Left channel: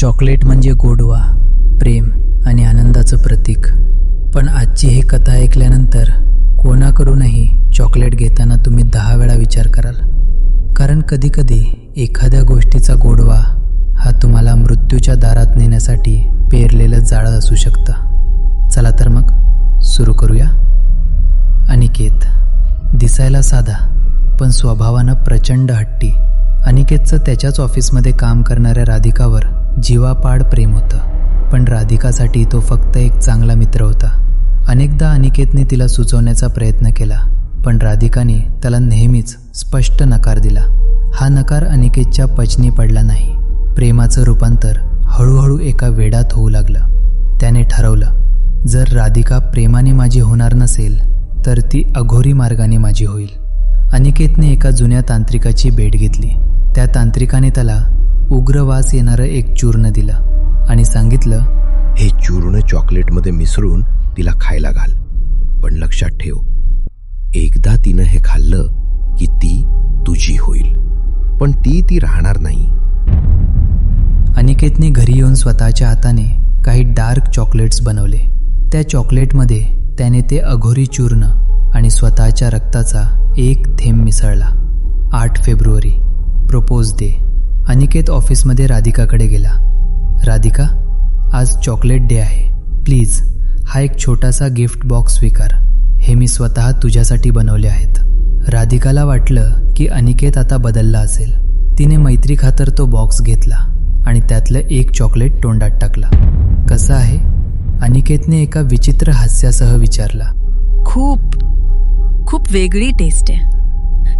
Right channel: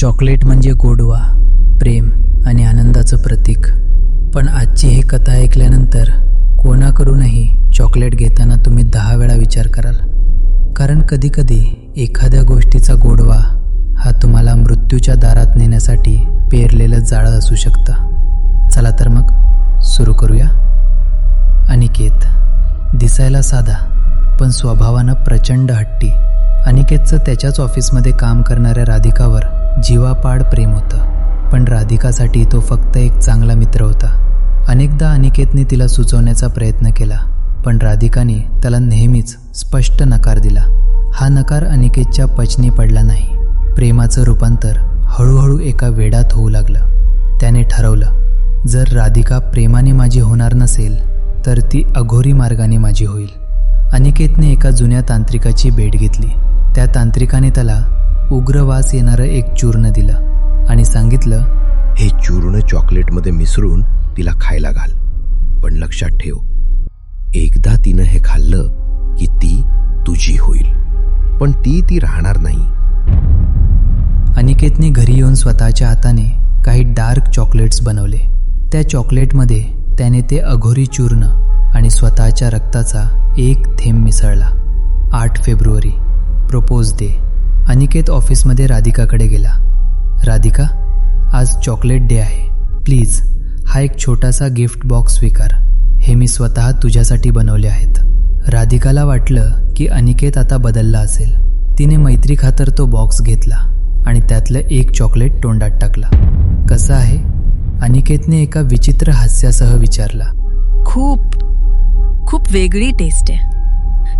Chocolate म्हणजे गोडवा प्रेम आणि आनंदाचं प्रतीक. पण आजची ही कथा ऐकल्यानंतर कोणाकडूनही चॉकलेट घेताना तुम्ही दहा वेळा विचार कराल. कारण कधीकधी एखाद्या गोष्टीचा गोडवा हा तुम्हाला मृत्यूच्या दारात नेण्यासाठी पेरलेलं जाळं असू शकतं. चला तर मग सुरू करूया. अनिकेत दिसायला साधा पण स्वभावानं प्रचंड हट्टी. अनिकेतचं त्याच्याच ऑफिसमध्ये काम करणाऱ्या राधिकावर जीवापाड प्रेम होतं. पण राधिकासाठी तो फक्त एक चांगला मित्र होता. अनेकदा अनिकेतने तिला सुचवण्याचा प्रयत्न केला पण राधिकाने त्याला नेहमीच स्पष्ट नकार दिला. हा नकार अनिकेतच्या पचनी पडला नाही. प्रेमाचं रूपांतर हळूहळू एका वेडात होऊ लागलं. त्याने ठरवलं जर राधिका प्रेमाने माझी होणार नसेल तर ती अघोरी मार्गाने माझी होईल. अनिकेतने एका जुन्या तांत्रिकाची भेट घेतली. त्या तांत्रिकाने त्याला उग्रवास येणारं एक चूर्ण दिलं आणि सांगितलं हे चूर्ण चॉकलेटमध्ये मिसळून तिला खायला घाल. पण लक्षात ठेव एकदा तिनं हे खाल्लं की ती तुझी होईल. पण ती ती राहणार नाही. अनिकेतने घरी येऊन स्वतःच्या हाताने काही डार्क चॉकलेट्स बनवले. त्या चॉकलेटमध्ये त्याने ते अघोरी चूर्ण आणि स्वतःच्या रक्ताचा एक थेंब मिसळला. आठ फेब्रुवारी प्रपोज डे. अनिकेत ऑफिसमध्ये राधिकाकडे गेला. राधिका आज चॉकलेट डे आहे. प्लीज हा एक छोटासा गिफ्ट बॉक्स स्वीकार. हे मी स्वतः तुझ्यासाठी बनवले आहेत. राधिकाला वाटलं की अनिकेत आता बदलला असेल. तिने मैत्री खातर तो बॉक्स घेतला आणि त्यातलं एक चॉकलेट तोंडात टाकला. कसं आहे? अनिकेतने एका विचित्र हास्यासह विचारला. खूप खूप वेगळी टेस्ट आहे.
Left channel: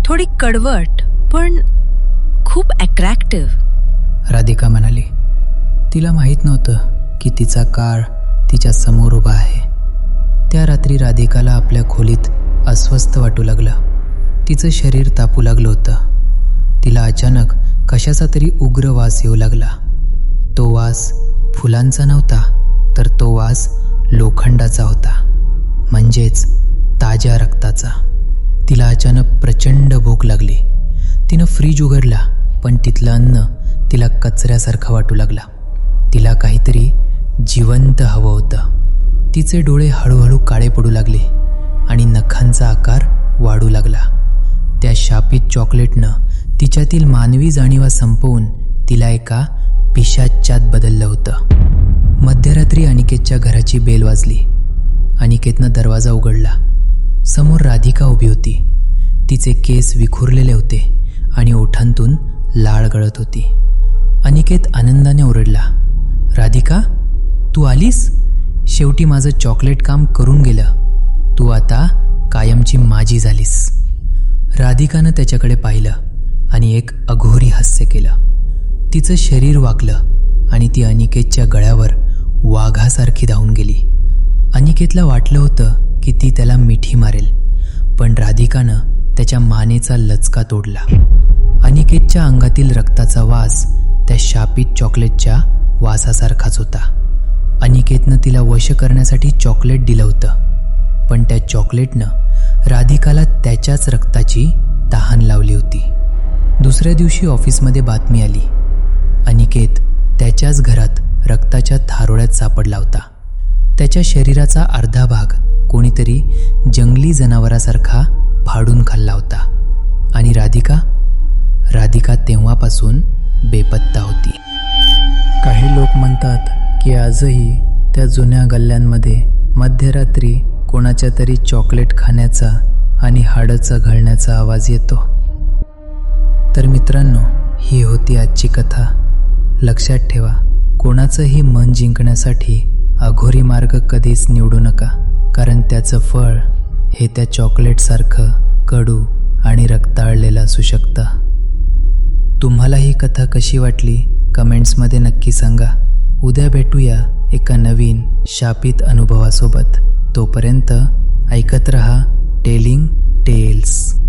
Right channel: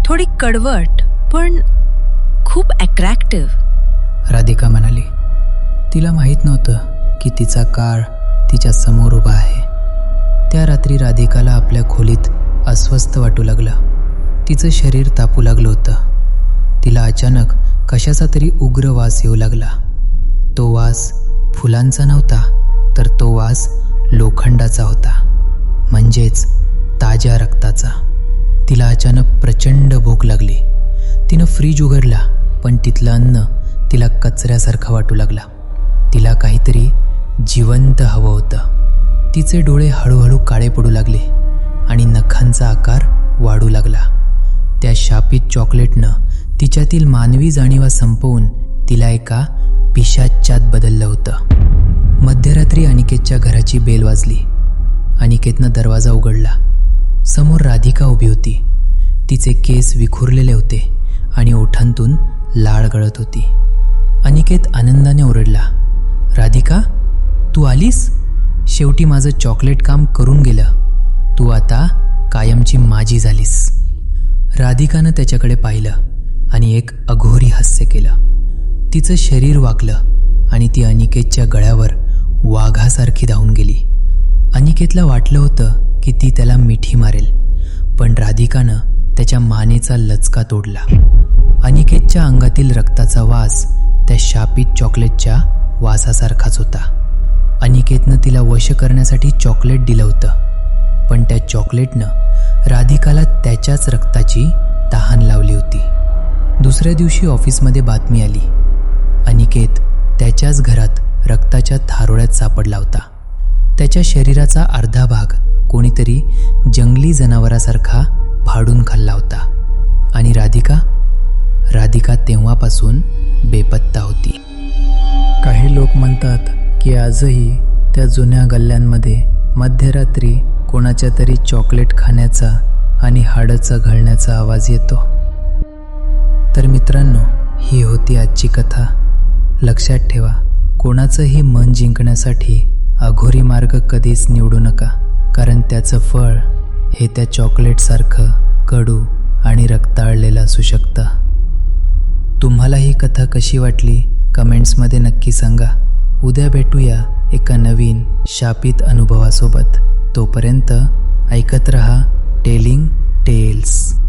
थोडी कडवट पण खूप अट्रॅक्टिव्ह राधिका म्हणाली तिला माहीत नव्हतं की तिचा काळ तिच्या समोर उभा आहे. त्या रात्री राधिकाला आपल्या खोलीत अस्वस्थ वाटू लागलं. तिचं शरीर तापू लागलं होतं. तिला अचानक कशाचा तरी उग्र वास येऊ लागला. तो वास फुलांचा नव्हता तर तो वास लोखंडाचा होता म्हणजेच ताज्या रक्ताचा. तिला अचानक प्रचंड भूक लागली. तिनं फ्रीज उघडला. पण तिथलं अन्न तिला कचऱ्यासारखं वाटू लागला. तिला काहीतरी जिवंत हवं होतं. तिचे डोळे हळूहळू काळे पडू लागले आणि नखांचा आकार वाढू लागला. त्या शापित चॉकलेटनं तिच्यातील मानवी जाणीवा संपवून तिला एका पिशाच्यात बदललं होतं. मध्यरात्री अनिकेतच्या घराची बेल वाजली. अनिकेतनं दरवाजा उघडला. समोर राधिका उभी होती. तिचे केस विखुरलेले होते आणि ओठांतून लाळ गळत होती. अनिकेत आनंदाने ओरडला राधिका तू आलीस? शेवटी माझं चॉकलेट काम करून गेलं. तू आता कायमची माझी झालीस. राधिकानं त्याच्याकडे पाहिलं आणि एक अघोरी हास्य केलं. तिचं शरीर वाकलं आणि ती अनिकेतच्या गळ्यावर वाघासारखी धावून गेली. अनिकेतला वाटलं होतं की ती त्याला मिठी मारेल पण राधिकानं त्याच्या मानेचा लचका तोडला. अनिकेतच्या अंगातील रक्ताचा वास त्या शापित चॉकलेटच्या वासासारखाच होता. अनिकेतनं तिला वश करण्यासाठी चॉकलेट दिलं होतं पण त्या चॉकलेटनं राधिकाला त्याच्याच रक्ताची तहान लावली होती. दुसऱ्या दिवशी ऑफिसमध्ये बातमी आली. अनिकेत त्याच्याच घरात रक्ताच्या थारोळ्यात सापडला होता. त्याच्या शरीराचा अर्धा भाग कोणीतरी जंगली जनावरासारखा फाडून खाल्ला होता आणि राधिका राधिका तेव्हापासून बेपत्ता होती. काही लोक म्हणतात की आजही त्या जुन्या गल्ल्यांमध्ये मध्यरात्री कोणाच्या तरी चॉकलेट खाण्याचा आणि हाडं घालण्याचा आवाज येतो. तर मित्रांनो ही होती आजची कथा. लक्षात ठेवा कोणाचंही मन जिंकण्यासाठी अघोरी मार्ग कधीच निवडू नका कारण त्याचं फळ हे त्या चॉकलेटसारखं कडू आणि रक्ताळलेलं असू शकतं. तुम्हाला ही कथा कशी वाटली? कमेंट्समध्ये नक्की सांगा. उद्या भेटूया एका नवीन शापित अनुभवासोबत. तोपर्यंत ऐकत रहा टेलिंग टेल्स.